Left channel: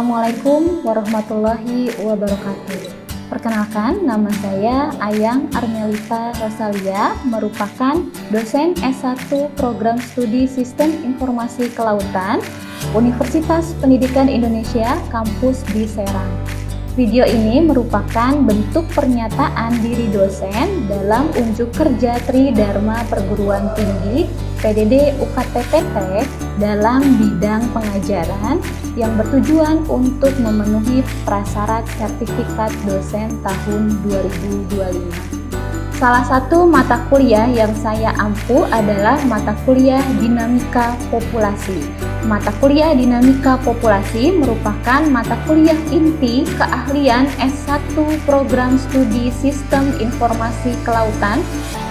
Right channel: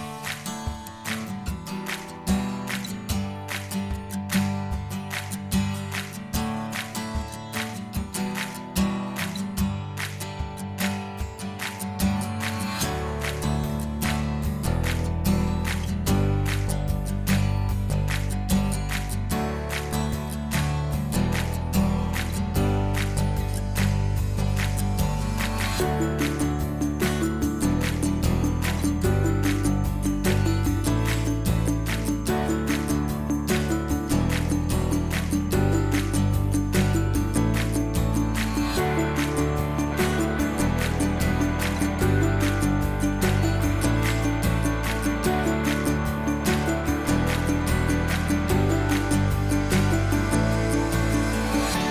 Assalamualaikum warahmatullahi wabarakatuh. Perkenalkan, nama saya Ayang Armelita Rosalia, merupakan dosen S1 Program Studi Sistem Informasi Kelautan, Universitas Pendidikan Indonesia, Kampus di Serang. Video ini merupakan bentuk pernyataan diri dosen dalam unjuk kerja Tridharma Perguruan Tinggi PDD UKT-PT dalam bidang pengajaran yang bertujuan untuk memenuhi prasyarat sertifikat dosen tahun 2025. Salah satu mata kuliah yang saya ampu adalah mata kuliah Dinamika Populasi. Mata kuliah Dinamika Populasi merupakan mata kuliah inti keahlian S1 Program Studi Sistem Informasi Kelautan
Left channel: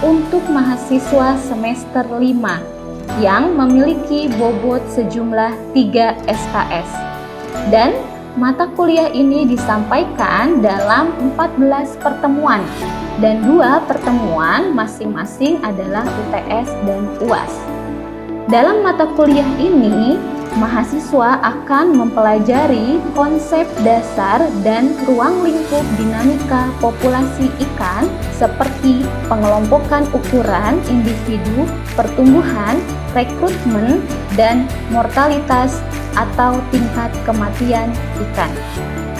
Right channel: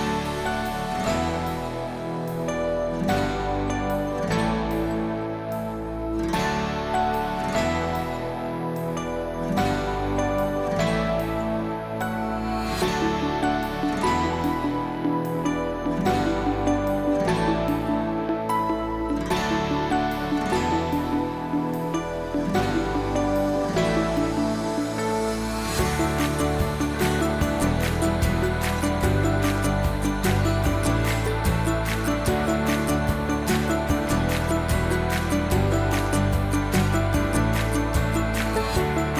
untuk mahasiswa semester 5 yang memiliki bobot sejumlah 3 SKS. Dan mata kuliah ini disampaikan dalam 14 pertemuan dan 2 pertemuan masing-masing adalah UTS dan UAS. Dalam mata kuliah ini, mahasiswa akan mempelajari konsep dasar dan ruang lingkup dinamika populasi ikan seperti pengelompokan ukuran individu, pertumbuhan, rekrutmen, dan mortalitas atau tingkat kematian ikan.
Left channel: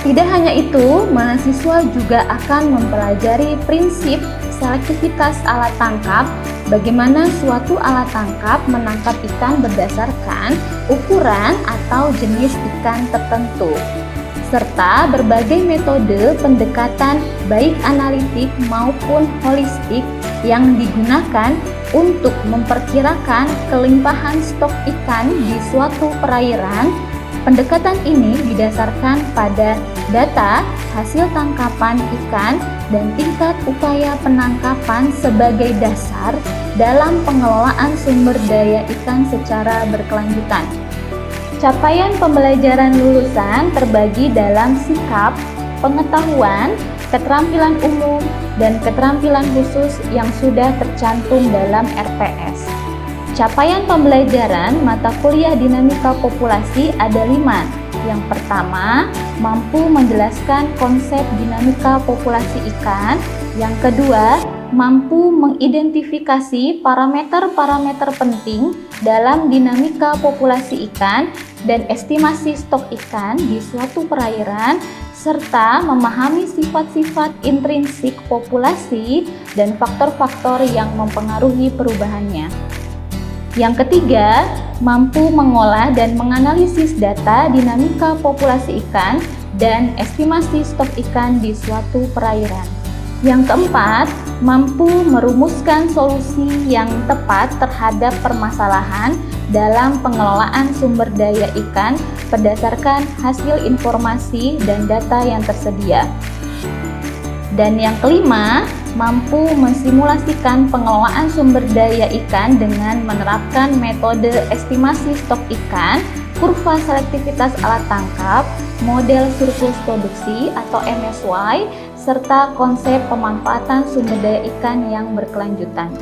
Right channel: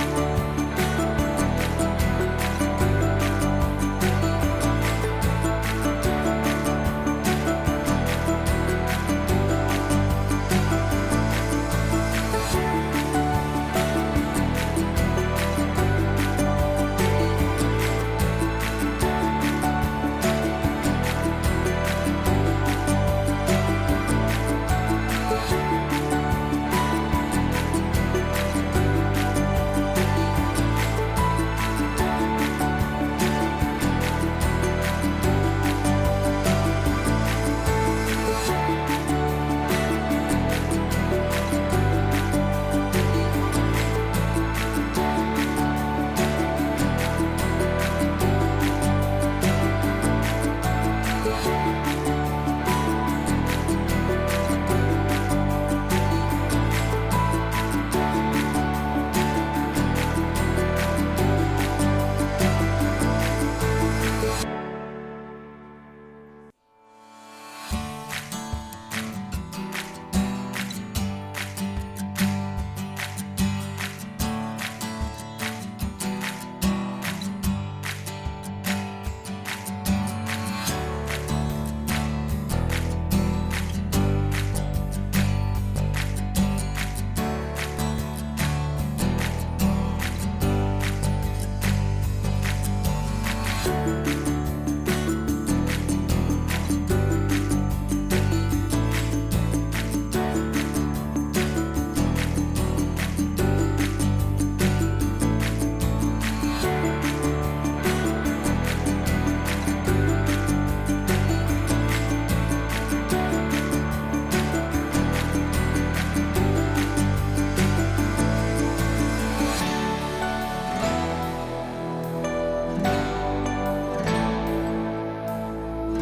Tidak hanya itu, mahasiswa juga akan mempelajari prinsip selektivitas alat tangkap, bagaimana suatu alat tangkap menangkap ikan berdasarkan ukuran atau jenis ikan tertentu, serta berbagai metode pendekatan baik analitik maupun holistik yang digunakan untuk memperkirakan kelimpahan stok ikan di suatu perairan. Pendekatan ini didasarkan pada data hasil tangkapan ikan dan tingkat upaya penangkapan sebagai dasar dalam pengelolaan sumber daya ikan secara berkelanjutan. Capaian pembelajaran lulusan terbagi dalam sikap, pengetahuan, keterampilan umum, dan keterampilan khusus yang sudah tercantum dalam RPS. Capaian pembelajaran mata kuliah Dinamika Populasi ada 5. Yang pertama, mampu menjelaskan konsep dinamika populasi ikan. Yang kedua, mampu mengidentifikasi parameter-parameter penting dalam dinamika populasi ikan dan estimasi stok ikan di suatu perairan, serta memahami sifat-sifat intrinsik populasi dan faktor-faktor yang mempengaruhi perubahannya. Yang ketiga, mampu mengolah dan menganalisis data dinamika populasi ikan dan estimasi stok ikan di suatu perairan. Yang keempat, mampu merumuskan solusi yang tepat terhadap permasalahan dalam pengelolaan sumber daya ikan berdasarkan hasil informasi dan data yang tersedia. Dan yang kelima, mampu mensimulasikan pengelolaan sumber daya ikan dengan menerapkan metode estimasi stok ikan, kurva selektivitas alat tangkap, model siklus produksi atau MSY, serta konsep pemanfaatan sumber daya ikan yang berkelanjutan.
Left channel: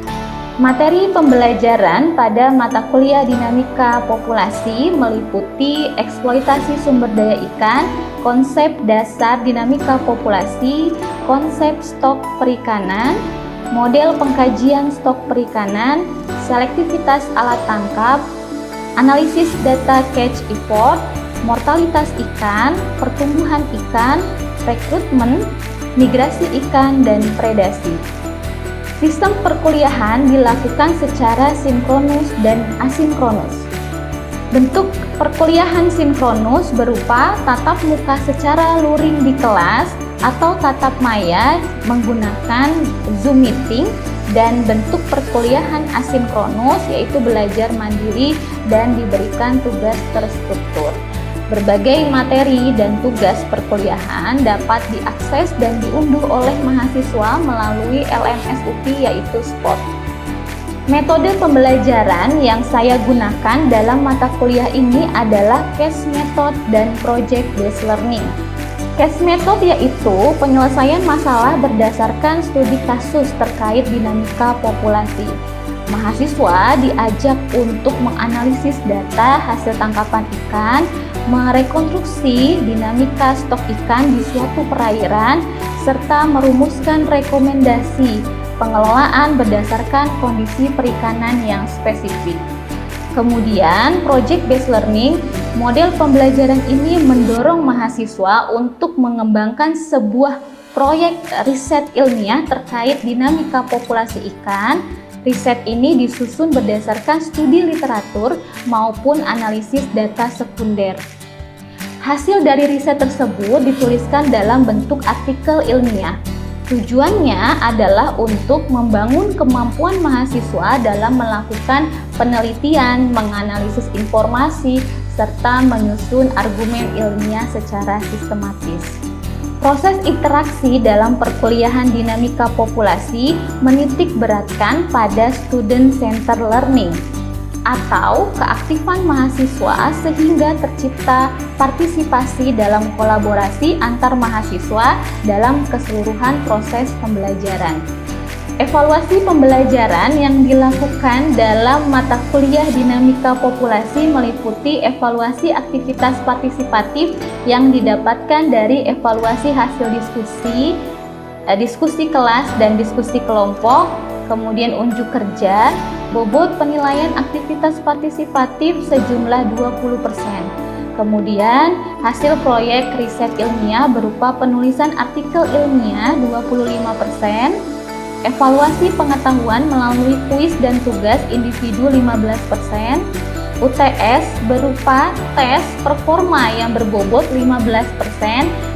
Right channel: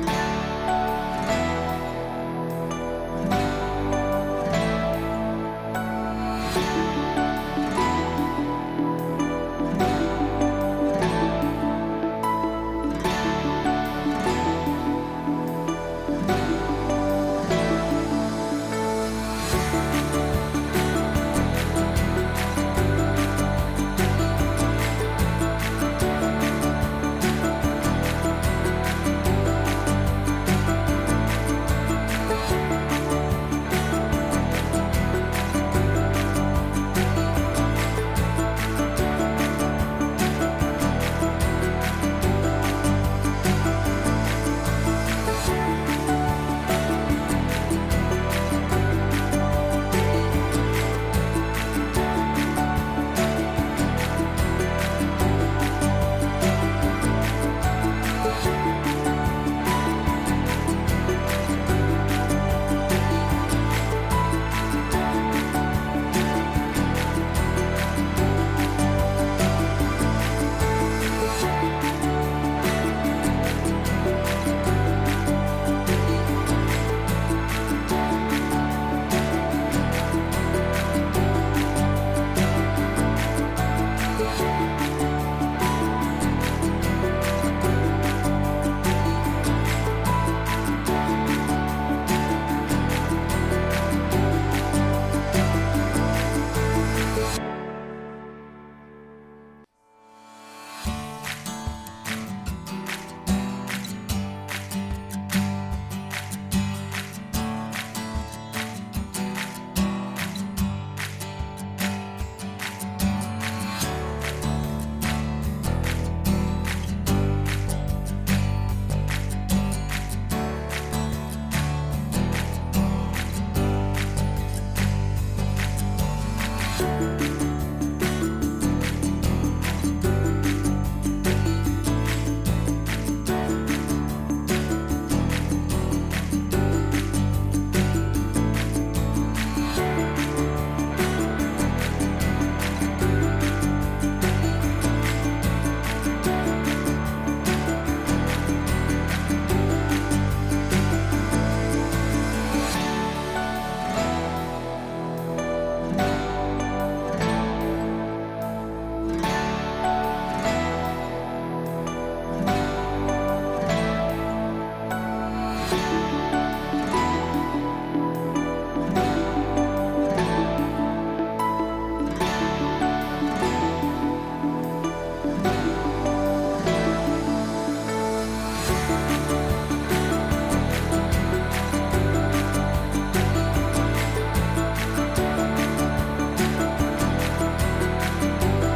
Materi pembelajaran pada mata kuliah Dinamika Populasi meliputi eksploitasi sumber daya ikan, konsep dasar dinamika populasi, konsep stok perikanan, model pengkajian stok perikanan, selektivitas alat tangkap, analisis data catch effort, mortalitas ikan, pertumbuhan ikan, rekrutmen, migrasi ikan, dan predasi. Sistem perkuliahan dilakukan secara sinkronus dan asinkronus. Bentuk perkuliahan sinkronus berupa tatap muka secara luring di kelas atau tatap maya menggunakan Zoom meeting, dan bentuk perkuliahan asinkronus yaitu belajar mandiri dan diberikan tugas terstruktur. Berbagai materi dan tugas perkuliahan dapat diakses dan diunduh oleh mahasiswa melalui LMS UPI yaitu SPOT. Metode pembelajaran yang saya gunakan dalam mata kuliah ini adalah case method dan project based learning. Case method yaitu penyelesaian masalah berdasarkan studi kasus terkait dinamika populasi. Mahasiswa diajak untuk menganalisis data hasil tangkapan ikan, merekonstruksi dinamika stok ikan di suatu perairan, serta merumuskan rekomendasi pengelolaan berdasarkan kondisi perikanan yang spesifik. Kemudian, project-based learning, model pembelajaran ini mendorong mahasiswa untuk mengembangkan sebuah proyek riset ilmiah terkait dinamika populasi ikan. Riset ini disusun berdasarkan studi literatur maupun analisis data sekunder. Hasil dari riset tersebut dituliskan dalam bentuk artikel ilmiah. Tujuannya adalah untuk membangun kemampuan mahasiswa dalam melakukan penelitian, menganalisis informasi, serta menyusun argumen ilmiah secara sistematis. Proses interaksi dalam perkuliahan dinamika populasi menitik beratkan pada student-centered learning atau keaktifan mahasiswa sehingga tercipta partisipasi dalam kolaborasi antar mahasiswa dalam keseluruhan proses pembelajaran. Evaluasi pembelajaran yang dilakukan dalam mata kuliah dinamika populasi meliputi evaluasi aktivitas partisipatif yang didapatkan dari evaluasi hasil diskusi kelas dan diskusi kelompok, kemudian unjuk kerja, bobot penilaian aktivitas partisipatif sejumlah 20%. Kemudian hasil proyek riset ilmiah berupa penulisan artikel ilmiah 25%, evaluasi pengetahuan melalui kuis dan tugas individu 15%, UTS berupa tes performa yang berbobot 15%,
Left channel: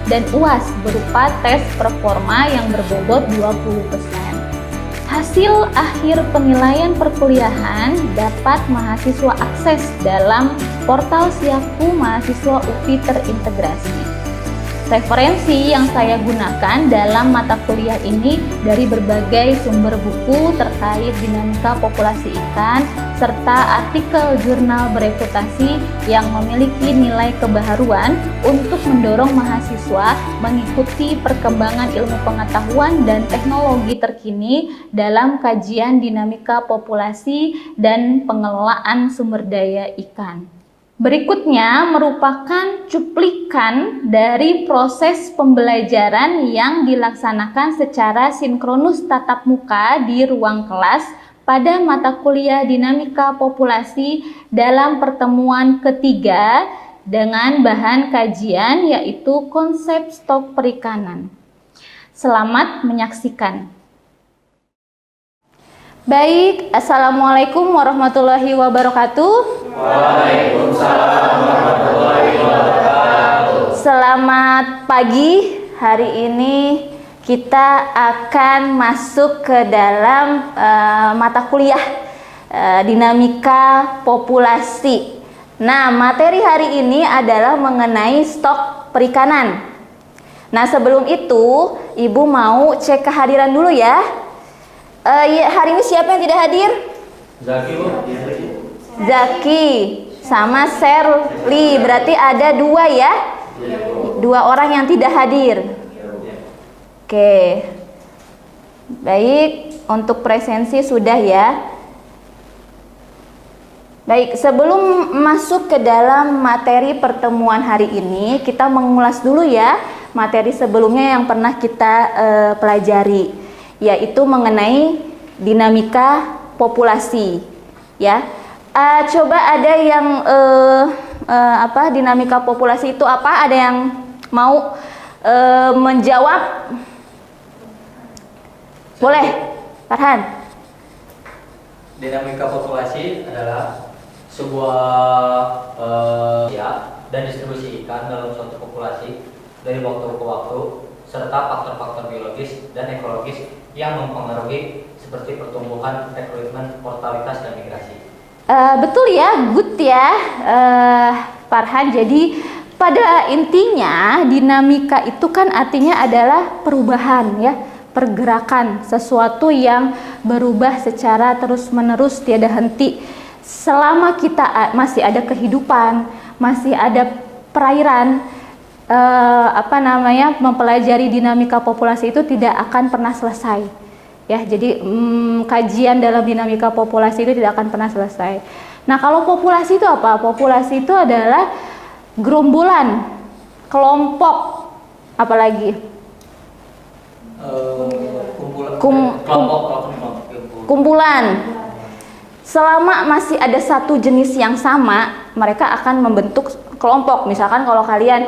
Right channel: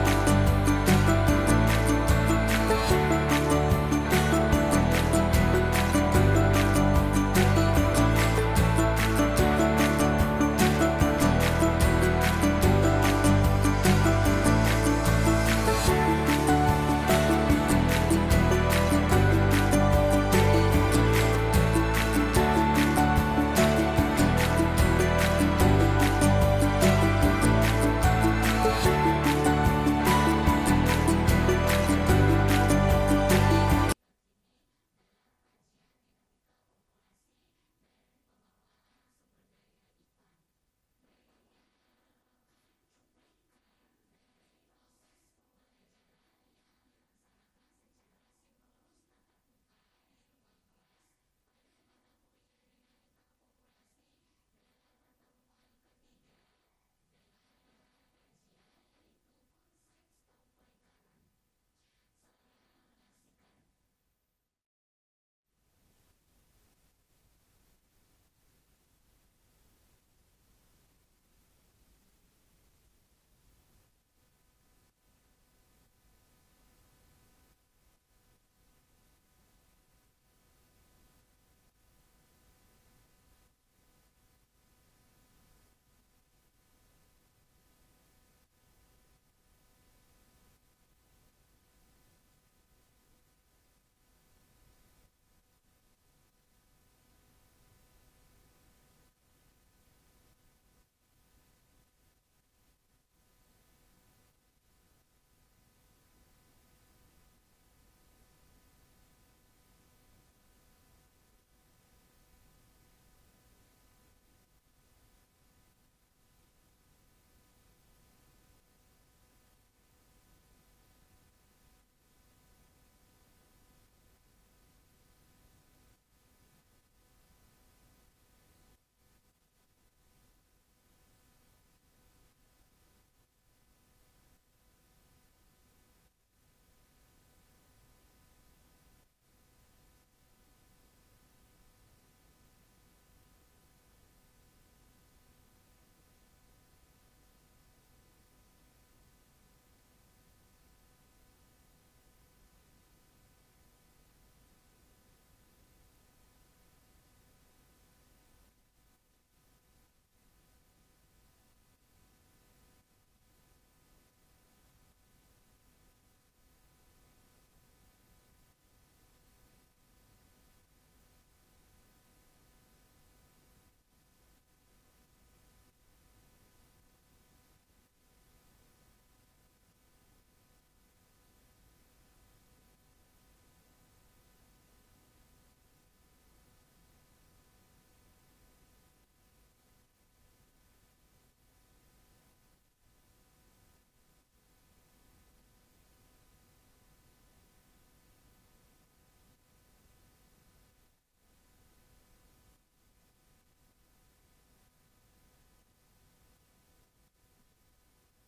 dan UAS berupa tes performa yang berbobot 20%. Hasil akhir penilaian perkuliahan dapat mahasiswa akses dalam portal Siaku Mahasiswa UPI terintegrasi. Referensi yang saya gunakan dalam mata kuliah ini dari berbagai sumber buku terkait dinamika populasi ikan, serta artikel jurnal bereputasi yang memiliki nilai kebaharuan untuk mendorong mahasiswa mengikuti perkembangan ilmu pengetahuan dan teknologi terkini dalam kajian dinamika populasi dan pengelolaan sumber daya ikan. Berikutnya merupakan cuplikan dari proses pembelajaran yang dilaksanakan secara sinkronus tatap muka di ruang kelas pada mata kuliah dinamika populasi dalam pertemuan ketiga dengan bahan kajian yaitu konsep stok perikanan. Selamat menyaksikan. Baik, Assalamualaikum warahmatullahi wabarakatuh. Waalaikumsalam warahmatullahi wabarakatuh. Selamat pagi, hari ini kita akan masuk ke dalam mata kuliah dinamika populasi. Nah, materi hari ini adalah mengenai stok perikanan. Nah, sebelum itu, Ibu mau cek kehadiran dulu ya. Hari ini siapa yang tidak hadir? Zaki, Bu. Zaki sama Serli, berarti ada dua ya? Dua orang yang tidak hadir. Oke. Baik, untuk presensi sudah ya. Baik, sebelum masuk ke dalam materi pertemuan hari ini, kita mengulas dulu ya materi sebelumnya yang pernah kita pelajari, yaitu mengenai dinamika populasi ya. Coba ada yang dinamika populasi itu apa? Ada yang mau menjawab? Boleh, Farhan. Dinamika populasi adalah sebuah dan distribusi ikan dalam suatu populasi dari waktu ke waktu, serta faktor-faktor biologis dan ekologis yang mempengaruhi seperti pertumbuhan, rekrutmen, mortalitas, dan migrasi. Betul ya, good ya, Farhan. Jadi pada intinya dinamika itu kan artinya adalah perubahan ya, pergerakan, sesuatu yang berubah secara terus-menerus tiada henti. Selama kita masih ada kehidupan, masih ada perairan, mempelajari dinamika populasi itu tidak akan pernah selesai Ya, jadi kajian dalam dinamika populasi itu tidak akan pernah selesai. Nah, kalau populasi itu apa? Populasi itu adalah gerombolan, kelompok, apalagi kumpulan. Selama masih ada satu jenis yang sama, mereka akan membentuk kelompok. Misalkan kalau kalian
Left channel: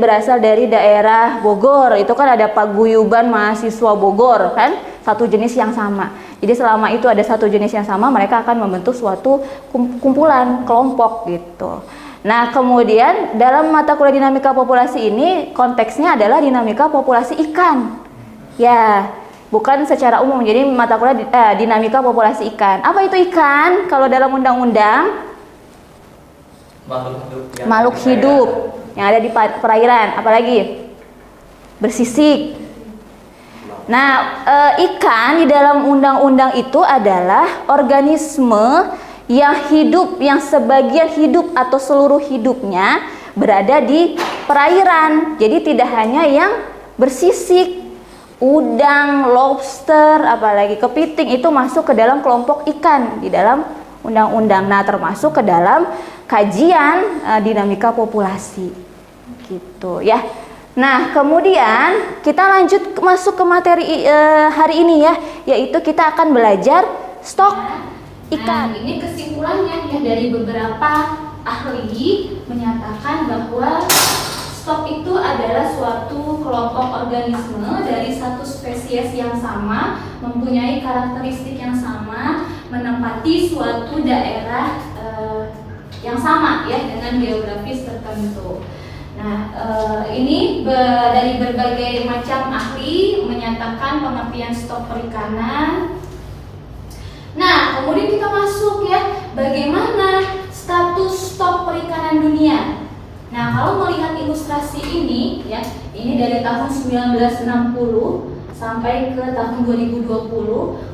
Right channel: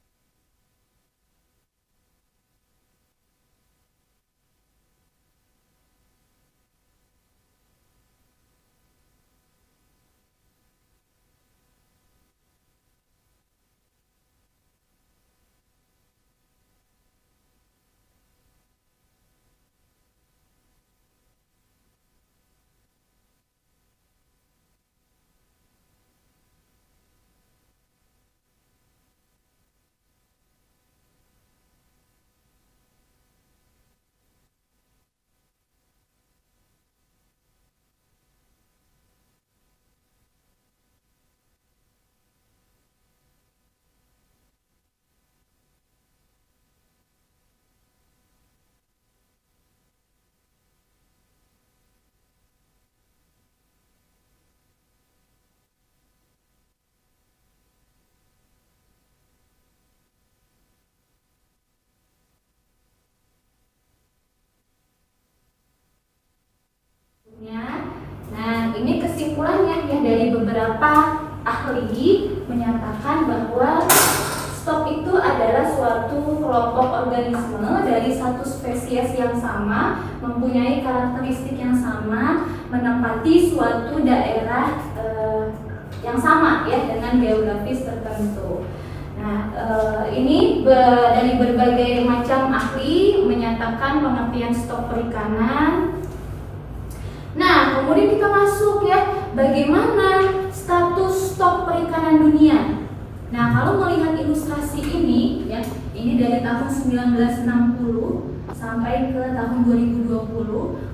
berasal dari daerah Bogor, itu kan ada paguyuban mahasiswa Bogor, kan? Satu jenis yang sama. Jadi selama itu ada satu jenis yang sama, mereka akan membentuk suatu kumpulan, kelompok gitu. Nah, kemudian dalam mata kuliah dinamika populasi ini konteksnya adalah dinamika populasi ikan. Ya, bukan secara umum. Jadi mata kuliah dinamika populasi ikan. Apa itu ikan? Kalau dalam undang-undang makhluk hidup yang ada di perairan, apalagi bersisik. Nah, ikan di dalam undang-undang itu adalah organisme yang hidup, yang sebagian hidup atau seluruh hidupnya berada di perairan. Jadi tidak hanya yang bersisik, udang, lobster, apalagi kepiting itu masuk ke dalam kelompok ikan di dalam undang-undang. Nah, termasuk ke dalam kajian dinamika populasi gitu ya. Nah, kemudian kita lanjut masuk ke materi hari ini ya, yaitu kita akan belajar stok ikan. Nah, ini kesimpulannya ya, dari beberapa ahli menyatakan bahwa stok itu adalah suatu kelompok organisme dari satu spesies yang sama, mempunyai karakteristik yang sama, menempati suatu daerah yang sama ya, dengan geografis tertentu. Nah, ini dari berbagai macam ahli menyatakan pengertian stok perikanan. Nah, kemudian kita masuk ya, bagaimana status stok perikanan dunia. Nah, kalau melihat ilustrasi ini ya, ini dari tahun 1960 sampai ke tahun 2020.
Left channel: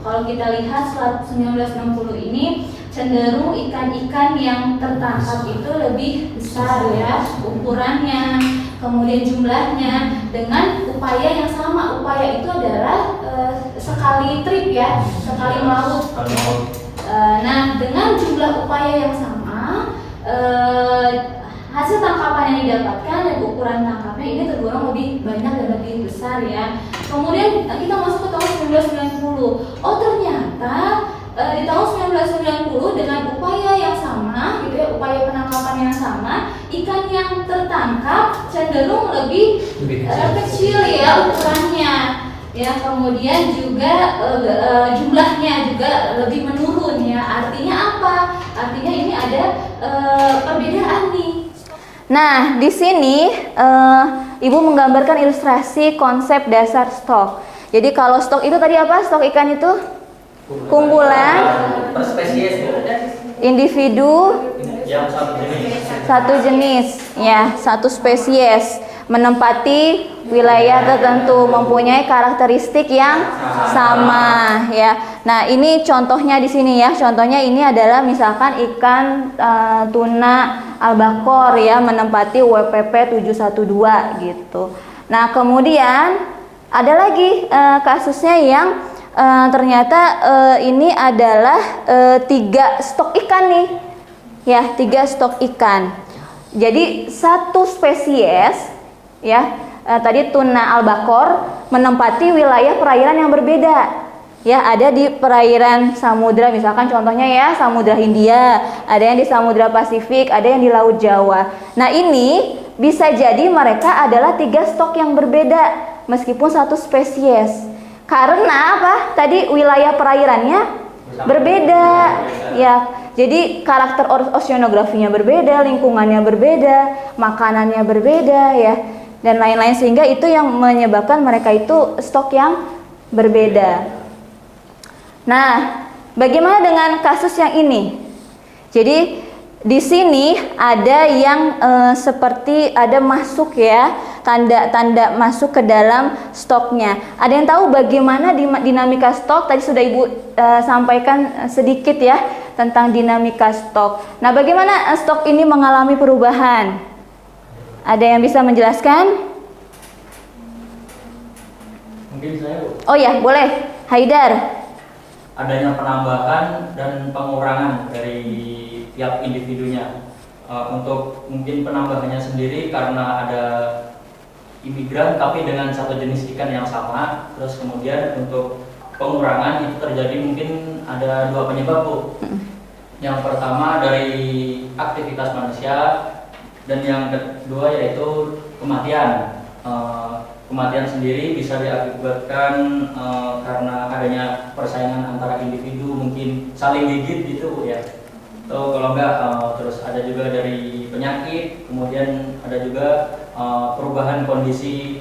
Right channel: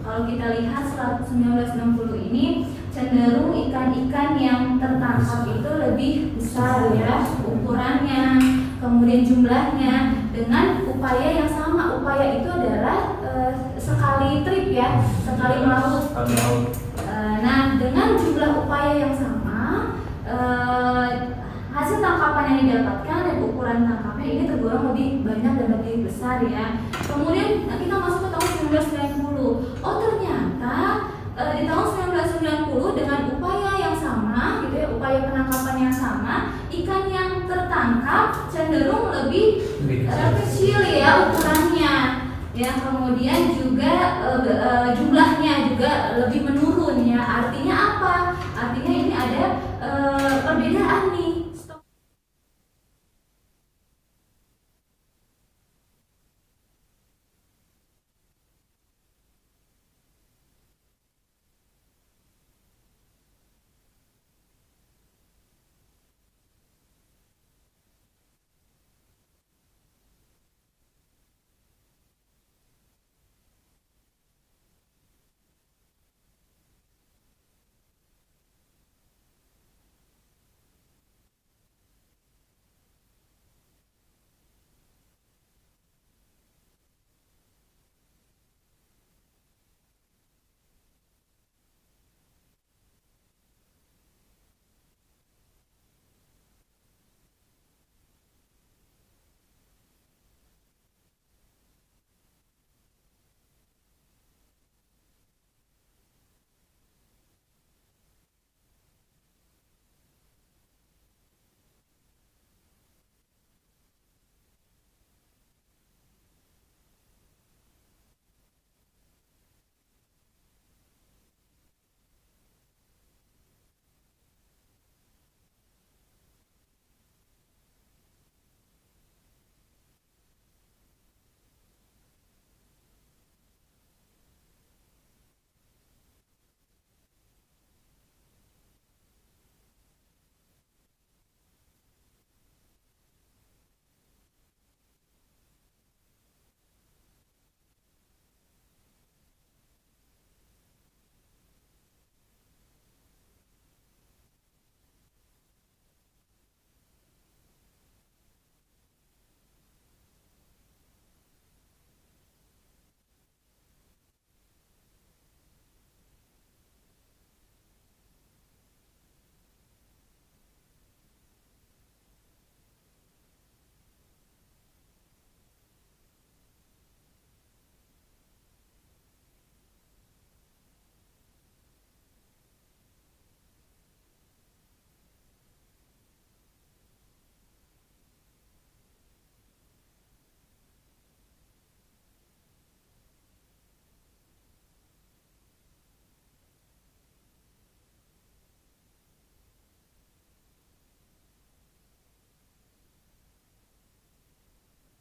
Kalau kita lihat 1960 ini cenderung ikan-ikan yang tertangkap itu lebih besar ya ukurannya, kemudian jumlahnya, dengan upaya yang sama. Upaya itu adalah sekali trip ya, sekali maut. Nah, dengan jumlah upaya yang sama, hasil tangkapan yang didapatkan dan ukuran tangkapnya ini tergolong lebih banyak dan lebih besar ya. Kemudian kita masuk ke tahun 1990. Oh, ternyata di tahun 1990 dengan upaya yang sama gitu ya, upaya penangkapan yang sama, ikan yang tertangkap cenderung lebih kecil ya ukurannya ya, kemudian juga jumlahnya juga lebih menurun ya. Artinya apa? Artinya ini ada perbedaan nih. Nah, di sini Ibu menggambarkan ilustrasi konsep dasar stok. Jadi kalau stok itu tadi apa? Stok ikan itu kumpulan per spesies individu yang satu jenis ya, satu spesies menempati wilayah tertentu, mempunyai karakteristik yang sama ya. Nah, ini contohnya di sini ya. Contohnya ini adalah misalkan ikan tuna albakor ya, menempati WPP 712 gitu. Nah, kemudian ada lagi kasusnya yang ternyata ini adalah 3 stok ikan nih ya, 3 stok ikan. Jadi satu spesies ya, tadi tuna albakor menempati wilayah perairan yang berbeda ya. Ada di perairan samudra, misalkan contohnya ya Samudra Hindia, ada yang di Samudra Pasifik, ada yang di Laut Jawa. Nah, ini bisa jadi mereka adalah 3 stok yang berbeda meskipun satu spesies. Karena apa? Tadi wilayah perairannya berbeda ya. Jadi karakter oceanografinya berbeda, lingkungannya berbeda, makanannya berbeda ya, dan lain-lain, sehingga itu yang menyebabkan mereka itu stok yang berbeda. Nah, bagaimana dengan kasus yang ini? Jadi di sini ada yang seperti ada masuk ya, tanda-tanda masuk ke dalam stoknya. Ada yang tahu bagaimana dinamika stok? Tadi sudah Ibu sampaikan sedikit ya tentang dinamika stok. Nah, bagaimana stok ini mengalami perubahan? Ada yang bisa menjelaskan? Mungkin saya, Bu. Oh ya, boleh. Haidar. Adanya penambahan dan pengurangan dari tiap individunya. Untuk mungkin penambahannya sendiri karena ada imigran tapi dengan satu jenis ikan yang sama. Terus kemudian untuk pengurangan itu terjadi mungkin ada dua penyebab, Bu. Yang pertama dari aktivitas manusia dan yang kedua yaitu kematian. Kematian sendiri bisa diakibatkan karena adanya persaingan antara individu, mungkin saling gigit gitu, Bu, ya. Atau kalau enggak terus ada juga dari penyakit, kemudian ada juga perubahan kondisi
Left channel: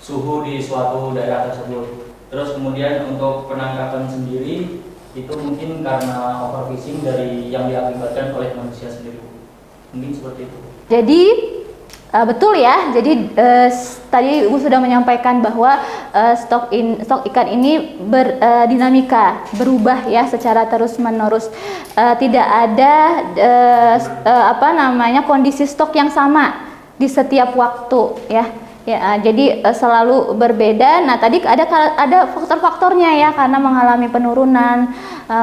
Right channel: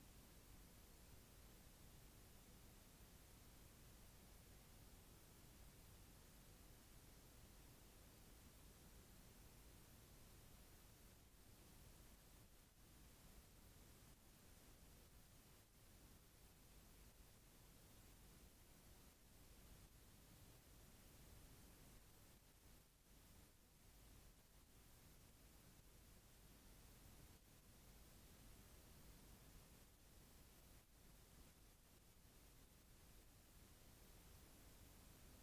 suhu di suatu daerah tersebut. Terus kemudian untuk penangkapan sendiri itu mungkin karena overfishing dari yang diakibatkan oleh manusia sendiri. Mungkin seperti itu. Jadi betul ya. Jadi tadi Ibu sudah menyampaikan bahwa stok ikan ini berdinamika, berubah ya secara terus-menerus. Tidak ada kondisi stok yang sama di setiap waktu ya. Ya, jadi selalu berbeda. Nah, tadi ada faktor-faktornya ya, karena mengalami penurunan,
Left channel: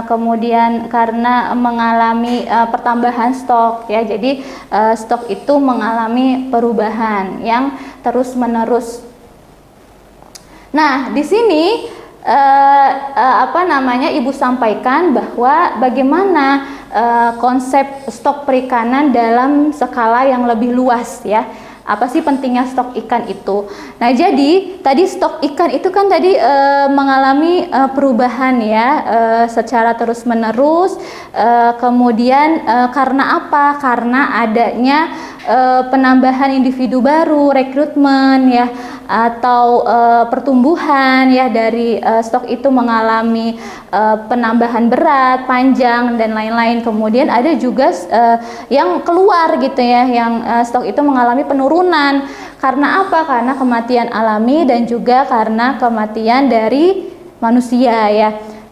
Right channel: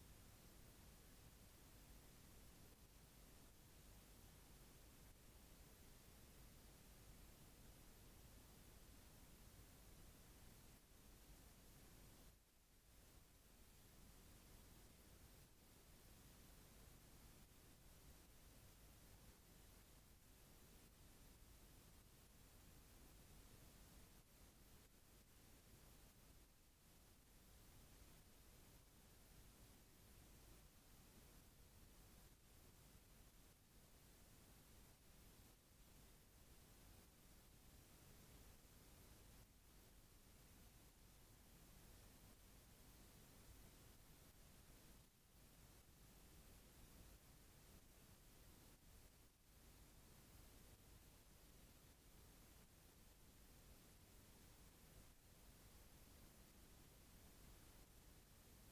kemudian karena mengalami pertambahan stok ya. Jadi stok itu mengalami perubahan yang terus-menerus. Nah, di sini Ibu sampaikan bahwa bagaimana konsep stok perikanan dalam skala yang lebih luas ya. Apa sih pentingnya stok ikan itu? Nah, jadi tadi stok ikan itu kan tadi mengalami perubahan ya secara terus-menerus. Kemudian karena apa? Karena adanya penambahan individu baru, rekrutmen ya, atau pertumbuhan ya dari stok itu mengalami penambahan berat, panjang dan lain-lain. Kemudian ada juga yang keluar gitu ya, yang stok itu mengalami penurunan. Karena apa? Karena kematian alami dan juga karena kematian dari manusia ya.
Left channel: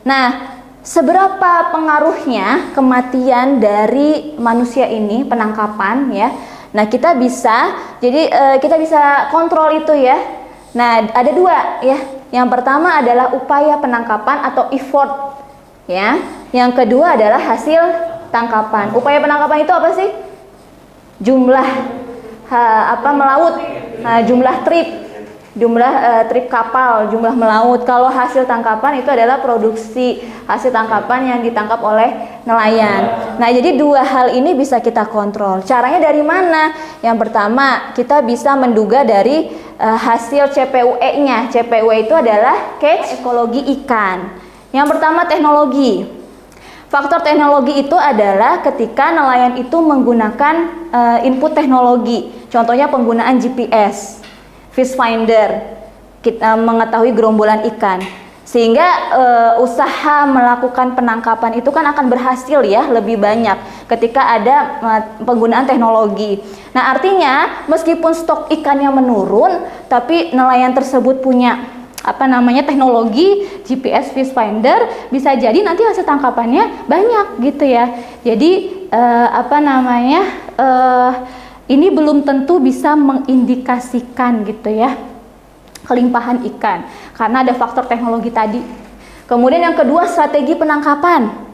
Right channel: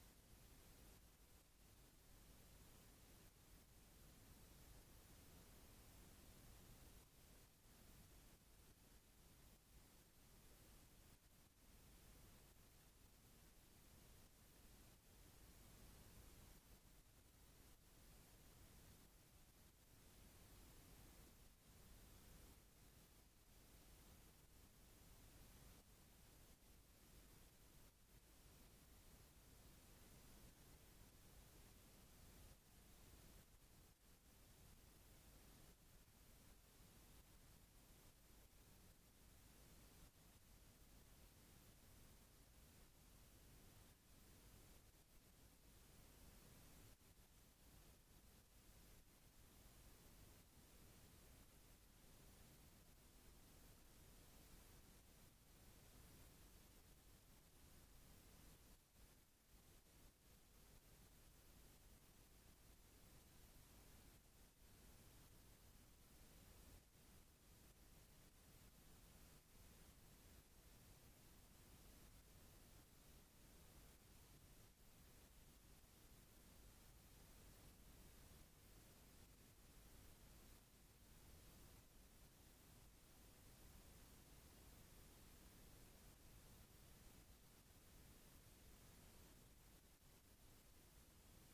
Nah, seberapa pengaruhnya kematian dari manusia ini, penangkapan ya. Nah, kita bisa kontrol itu ya. Nah, ada dua ya. Yang pertama adalah upaya penangkapan atau effort ya. Yang kedua adalah hasil tangkapan. Upaya penangkapan itu apa sih? Jumlah melaut, jumlah trip kapal, jumlah melaut. Kalau hasil tangkapan itu adalah produksi hasil tangkapan yang ditangkap oleh nelayan. Nah, jadi dua hal ini bisa kita kontrol. Caranya dari mana? Yang pertama, kita bisa menduga dari hasil CPUE-nya. CPUE itu adalah catch ekologi ikan. Yang pertama, teknologi. Faktor teknologi itu adalah ketika nelayan itu menggunakan input teknologi. Contohnya penggunaan GPS, fish finder, kita mengetahui gerombolan ikan. Sehingga usaha melakukan penangkapan itu kan akan berhasil ya, lebih banyak ketika ada penggunaan teknologi. Nah, artinya meskipun stok ikannya menurun, tapi nelayan tersebut punya teknologi GPS fish finder, bisa jadi nanti hasil tangkapannya banyak gitu ya. Jadi ini belum tentu bisa mengindikasikan gitu ya kelimpahan ikan karena ada faktor teknologi tadi. Kemudian yang kedua, strategi penangkapan.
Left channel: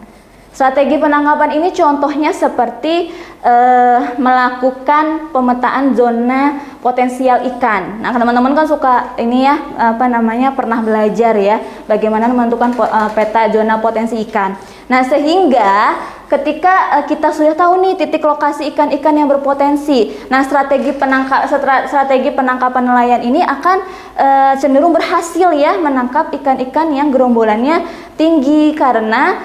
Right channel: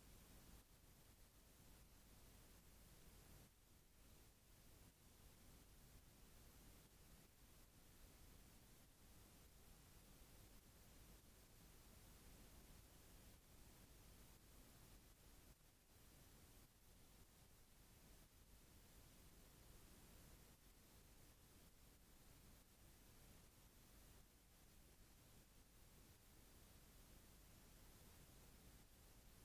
Strategi penangkapan ini contohnya seperti melakukan pemetaan zona potensial ikan. Nah, teman-teman kan suka ini ya, pernah belajar ya bagaimana menentukan peta zona potensi ikan. Nah, sehingga ketika kita sudah tahu nih titik lokasi ikan-ikan yang berpotensi, nah strategi penangkapan nelayan ini akan cenderung berhasil ya menangkap ikan-ikan yang gerombolannya tinggi karena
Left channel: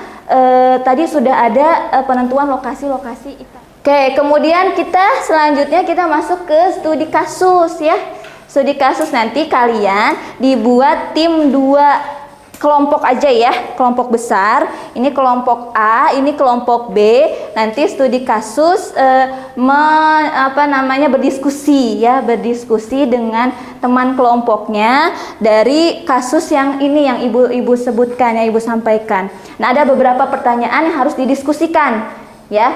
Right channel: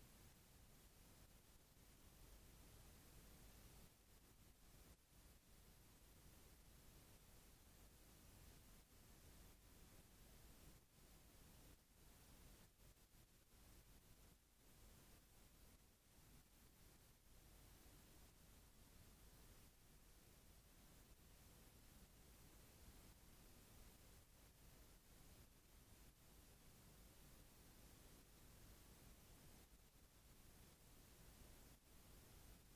tadi sudah ada penentuan lokasi-lokasi ikan. Oke, kemudian selanjutnya kita masuk ke studi kasus ya. Studi kasus nanti kalian dibuat tim 2 kelompok aja ya, kelompok besar. Ini kelompok A, ini kelompok B. Nanti studi kasus berdiskusi dengan teman kelompoknya dari kasus yang ini yang ibu sebutkan, yang ibu sampaikan. Nah, ada beberapa pertanyaan yang harus didiskusikan ya.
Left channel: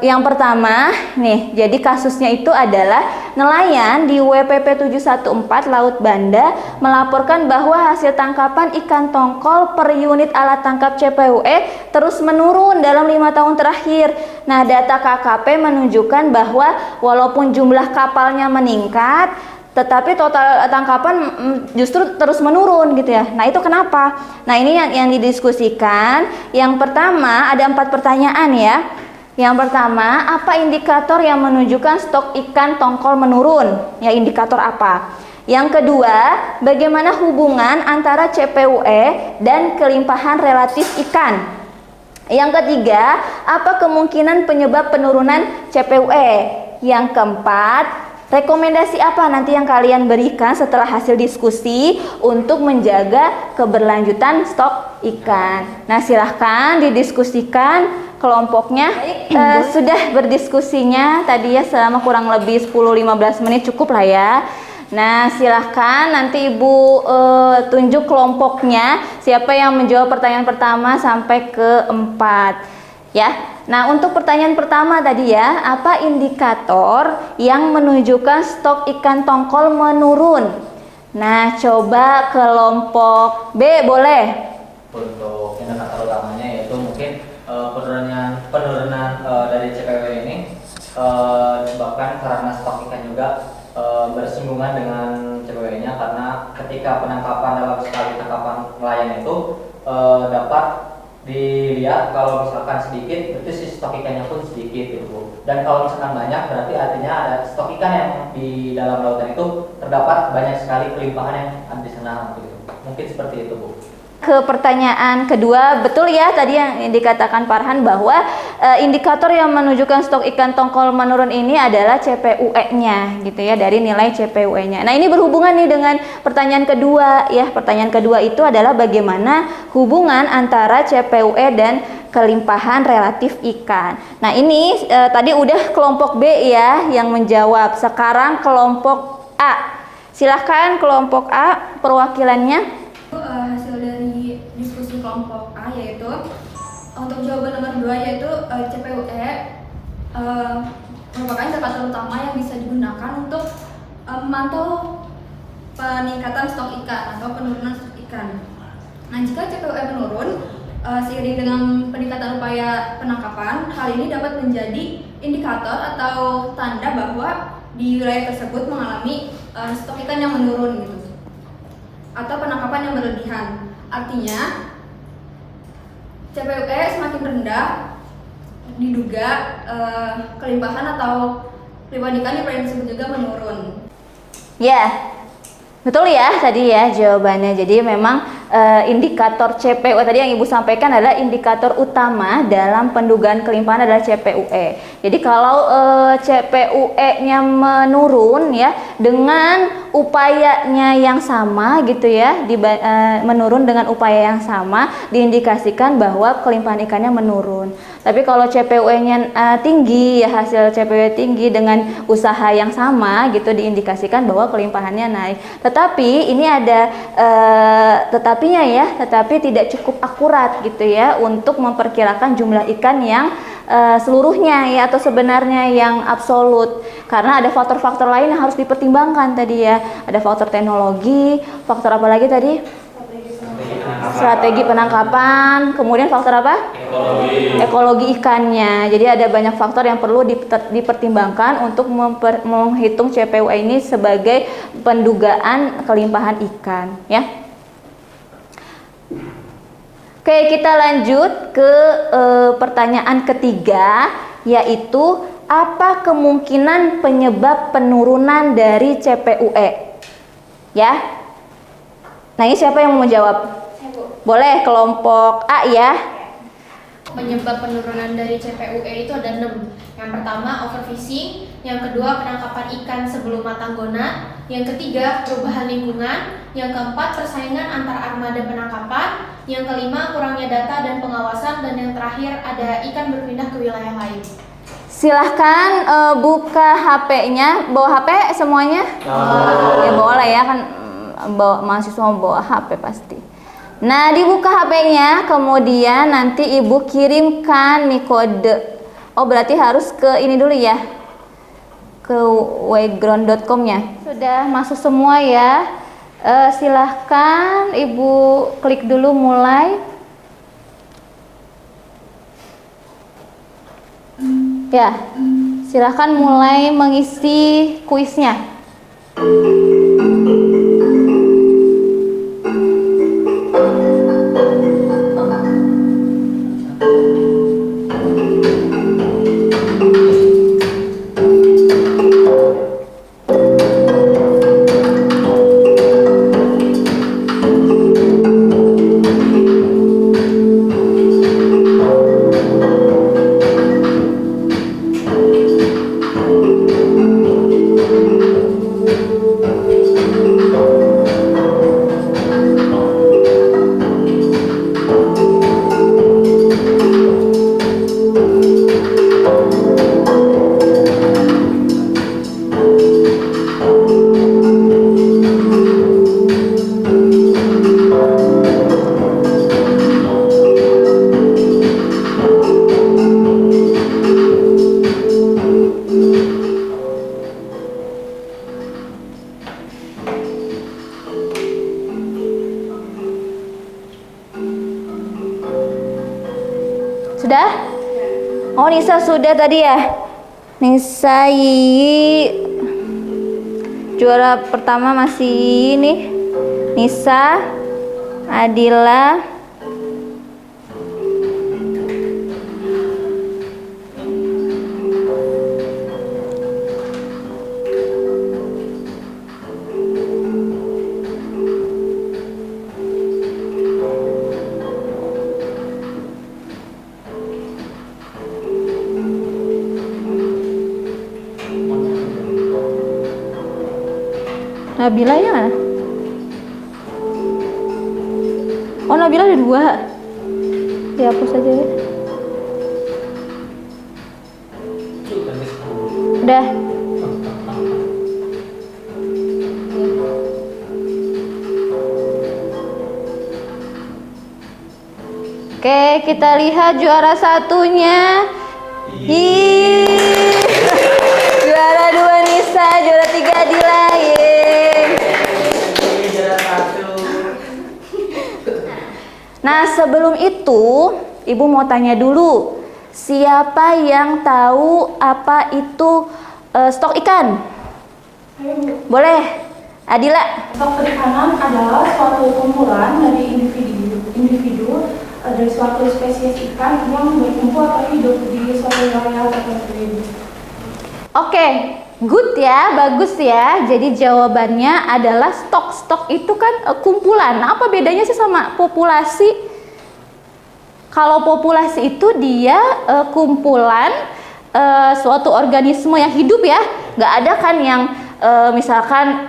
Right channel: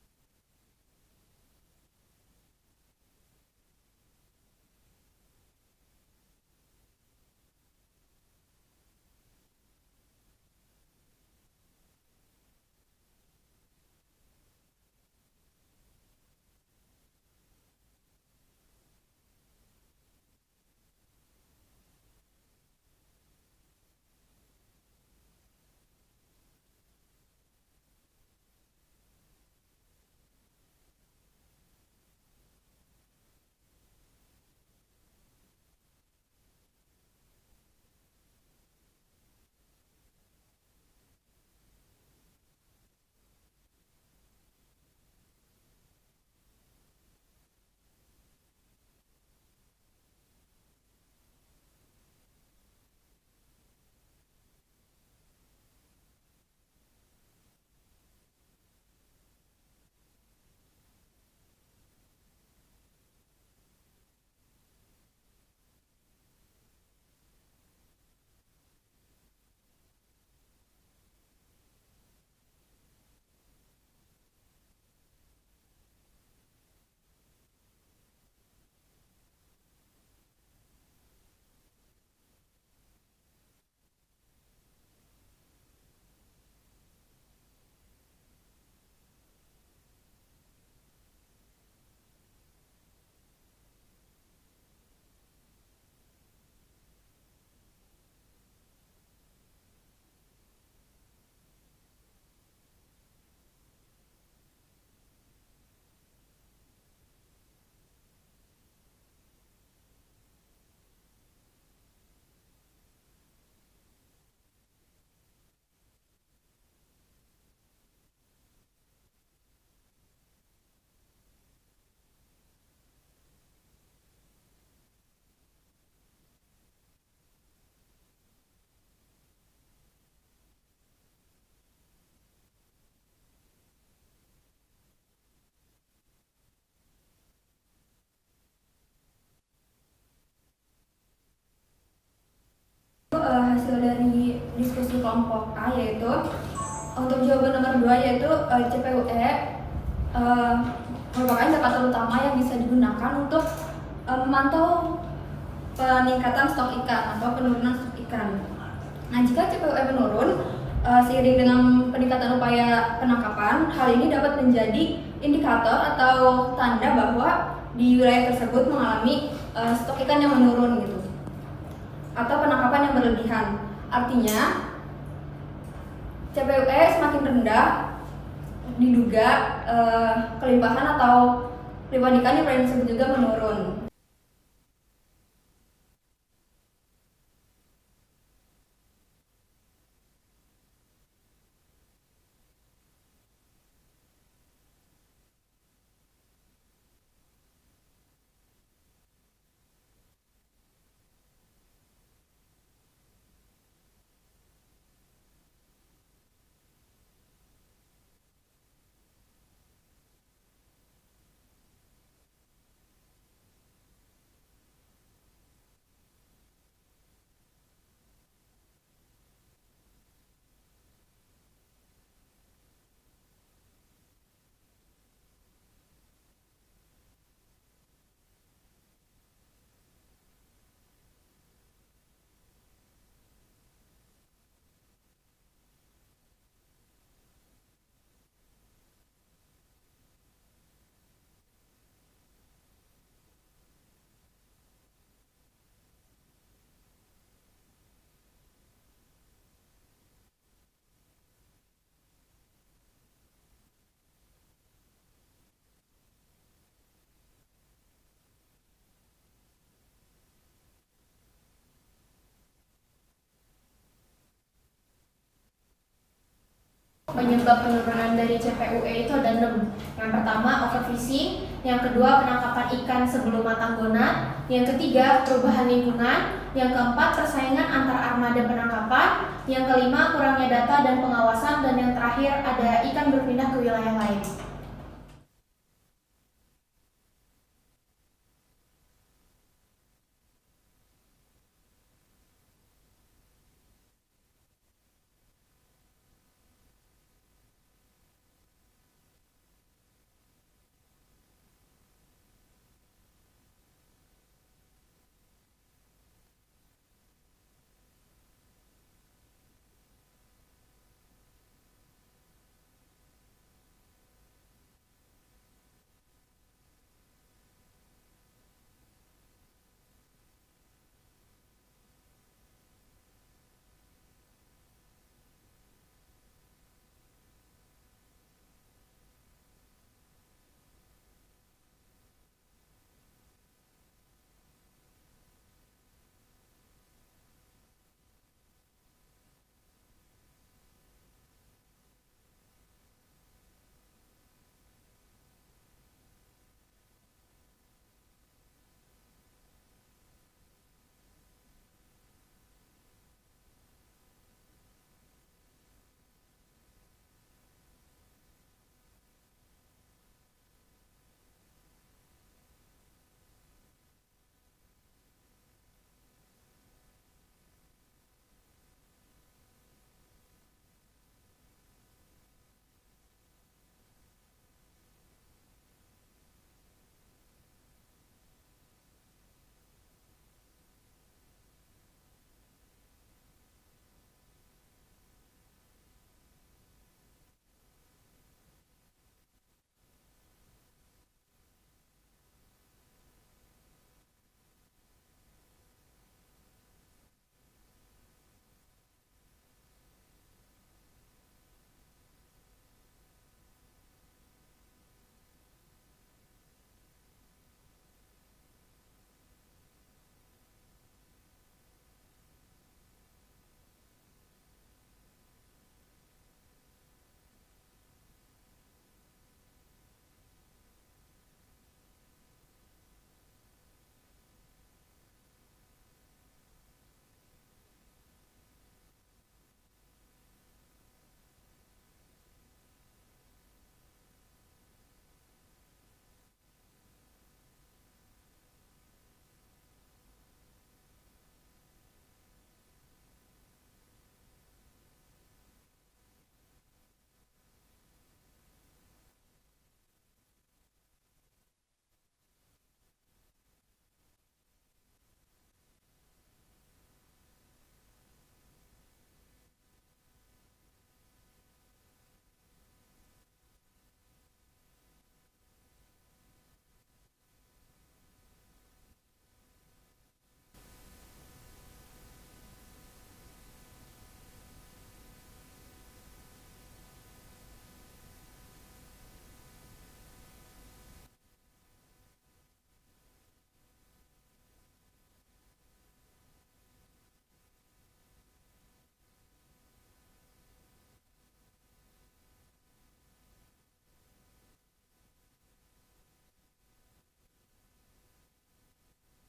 Yang pertama nih, jadi kasusnya itu adalah nelayan di WPP 714 Laut Banda melaporkan bahwa hasil tangkapan ikan tongkol per unit alat tangkap CPUE terus menurun dalam 5 tahun terakhir. Nah, data KKP menunjukkan bahwa walaupun jumlah kapalnya meningkat, tetapi total tangkapan justru terus menurun gitu ya. Nah, itu kenapa? Nah, ini yang didiskusikan. Yang pertama ada 4 pertanyaan ya. Yang pertama, apa indikator yang menunjukkan stok ikan tongkol menurun? Ya, indikator apa? Yang kedua, bagaimana hubungan antara CPUE dan kelimpahan relatif ikan? Yang ketiga, apa kemungkinan penyebab penurunan CPUE? Yang keempat, rekomendasi apa nanti yang kalian berikan setelah hasil diskusi untuk menjaga keberlanjutan stok ikan? Nah, silahkan didiskusikan kelompoknya. Sudah berdiskusinya tadi ya selama kurang lebih 10-15 menit, cukup lah ya. Nah, silahkan nanti Ibu tunjuk kelompoknya, siapa yang menjawab pertanyaan pertama sampai ke 4 ya. Nah, untuk pertanyaan pertama tadi ya, apa indikator yang menunjukkan stok ikan tongkol menurun? Nah, coba kelompok B boleh. Untuk indikator utamanya yaitu mungkin penurunan dari CPUE ini disebabkan karena stok ikan juga bersinggungan dengan CPUE-nya, karena ketika penangkapan dalam sekali tangkapan nelayan itu dapat dilihat kalau misalkan sedikit berarti si stok ikannya pun sedikit gitu Bu. Dan kalau misalkan banyak berarti artinya ada stok ikan yang di dalam lautan itu terdapat banyak sekali kelimpahan yang ada di sana gitu. Mungkin seperti itu Bu. Ke pertanyaan kedua, betul ya tadi yang dikatakan Farhan bahwa indikator yang menunjukkan stok ikan tongkol menurun ini adalah CPUE-nya gitu ya, dari nilai CPUE-nya. Nah, ini berhubungan nih dengan pertanyaan kedua ya. Pertanyaan kedua itu adalah bagaimana hubungan antara CPUE dan kelimpahan relatif ikan. Nah, ini tadi udah kelompok B ya yang menjawab. Sekarang kelompok A. Silahkan kelompok A perwakilannya. Hasil dari diskusi kelompok A yaitu untuk jawaban nomor 2 yaitu CPUE merupakan indikator utama yang bisa digunakan untuk memantau peningkatan stok ikan atau penurunan stok ikan. Nah, jika CPUE menurun seiring dengan peningkatan upaya penangkapan, hal ini dapat menjadi indikator atau tanda bahwa di wilayah tersebut mengalami stok ikan yang menurun gitu, atau penangkapan yang berlebihan. Artinya CPUE semakin rendah, diduga kelimpahan atau kelimpahan ikan yang disebut juga menurun. Ya, betul ya tadi ya jawabannya. Jadi memang indikator CPUE tadi yang Ibu sampaikan adalah indikator utama dalam pendugaan kelimpahan adalah CPUE. Jadi kalau CPUE-nya menurun ya dengan upayanya yang sama gitu ya, menurun dengan upaya yang sama, diindikasikan bahwa kelimpahan ikannya menurun. Tapi kalau CPUE-nya tinggi ya, hasil CPUE tinggi dengan usaha yang sama gitu, diindikasikan bahwa kelimpahannya naik. Tetapi ini ada tetapi tidak cukup akurat gitu ya untuk memperkirakan jumlah ikan yang seluruhnya ya atau sebenarnya yang absolut, karena ada faktor-faktor lain yang harus dipertimbangkan tadi ya. Ada faktor teknologi, faktor apa lagi tadi? Strategi penangkapan, kemudian faktor apa? Ekologi ikannya. Jadi ada banyak faktor yang perlu dipertimbangkan untuk menghitung CPUE ini sebagai pendugaan kelimpahan ikan ya. Oke, kita lanjut ke pertanyaan ketiga, yaitu apa kemungkinan penyebab penurunan dari CPUE? Ya. Nah, ini siapa yang mau menjawab? Boleh kelompok A ya. Penyebab penurunan dari CPUE itu ada 6. Yang pertama overfishing, yang kedua penangkapan ikan sebelum matang gona, yang ketiga perubahan lingkungan, yang keempat persaingan antar armada penangkapan, yang kelima kurangnya data dan pengawasan, dan yang terakhir ada ikan berpindah ke wilayah lain. Silahkan buka HP-nya, bawa HP semuanya? Ya boleh ya, kan mahasiswa mau bawa HP pasti. Nah, dibuka HP-nya, kemudian nanti Ibu kirimkan nih kode Oh, berarti harus ke ini dulu ya, ke wayground.com-nya. Sudah masuk semua ya. Silahkan Ibu klik dulu mulai. Ya, silahkan mulai mengisi kuisnya. Sudah? Oh, Nisa sudah tadi ya? Nisa juara pertama masih ini. Nisa, Adila, Nabila ya mana? Oh, Nabila ada 2. Dihapus aja ya. Udah. Oke, kita lihat juara satunya. Juara 2 Nisa, juara 3 Adila. Nah, sebelum itu, Ibu mau tanya dulu, siapa yang tahu apa itu stok ikan? Boleh, Adila. Stok perikanan adalah suatu kumpulan dari individu dari suatu spesies ikan yang berkumpul atau hidup di suatu wilayah tertentu. Oke, good ya, bagus ya. Jadi jawabannya adalah stok itu kan kumpulan. Nah, apa bedanya sih sama populasi? Kalau populasi itu dia kumpulan suatu organisme yang hidup ya. Nggak ada kan yang misalkan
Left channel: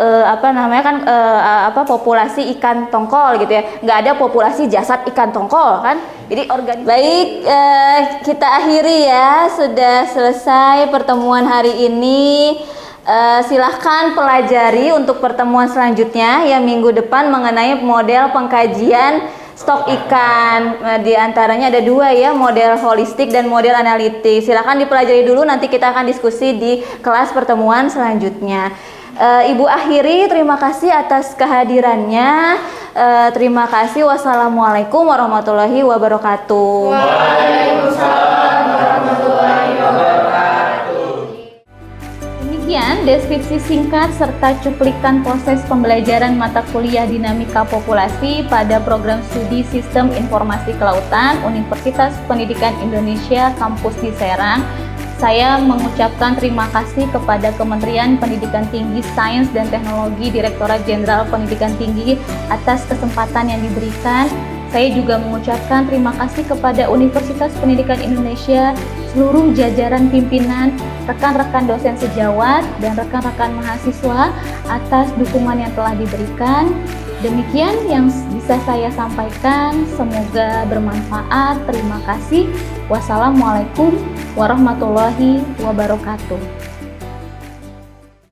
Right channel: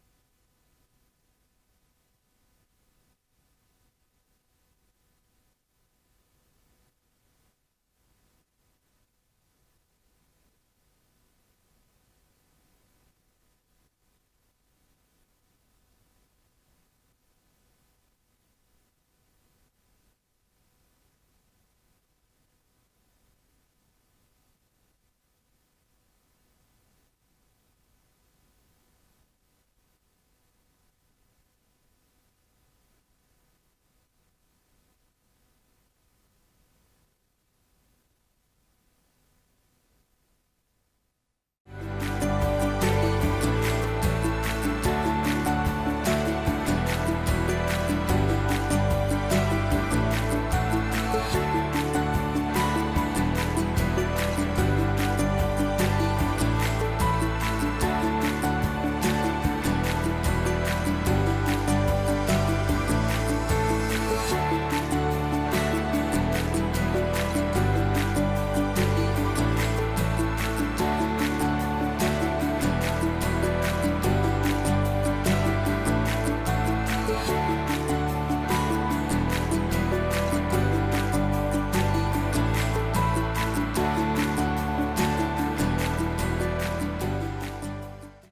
populasi ikan tongkol gitu ya. Nggak ada populasi jasad ikan tongkol kan. Jadi baik, kita akhiri ya, sudah selesai pertemuan hari ini. Silahkan pelajari untuk pertemuan selanjutnya yang minggu depan mengenai model pengkajian stok ikan. Di antaranya ada 2 ya, model holistik dan model analitik. Silahkan dipelajari dulu, nanti kita akan diskusi di kelas pertemuan selanjutnya. Ibu akhiri, terima kasih atas kehadirannya. Terima kasih. Wassalamualaikum warahmatullahi wabarakatuh. Waalaikumsalam warahmatullahi wabarakatuh. Demikian deskripsi singkat serta cuplikan proses pembelajaran mata kuliah dinamika populasi pada program studi Sistem Informasi Kelautan Universitas Pendidikan Indonesia Kampus di Serang. Saya mengucapkan terima kasih kepada Kementerian Pendidikan Tinggi, Sains dan Teknologi, Direktorat Jenderal Pendidikan Tinggi atas kesempatan yang diberikan. Saya juga mengucapkan terima kasih kepada Universitas Pendidikan Indonesia, seluruh jajaran pimpinan, rekan-rekan dosen sejawat, dan rekan-rekan mahasiswa atas dukungan yang telah diberikan. Demikian yang bisa saya sampaikan, semoga bermanfaat. Terima kasih. Wassalamualaikum warahmatullahi wabarakatuh.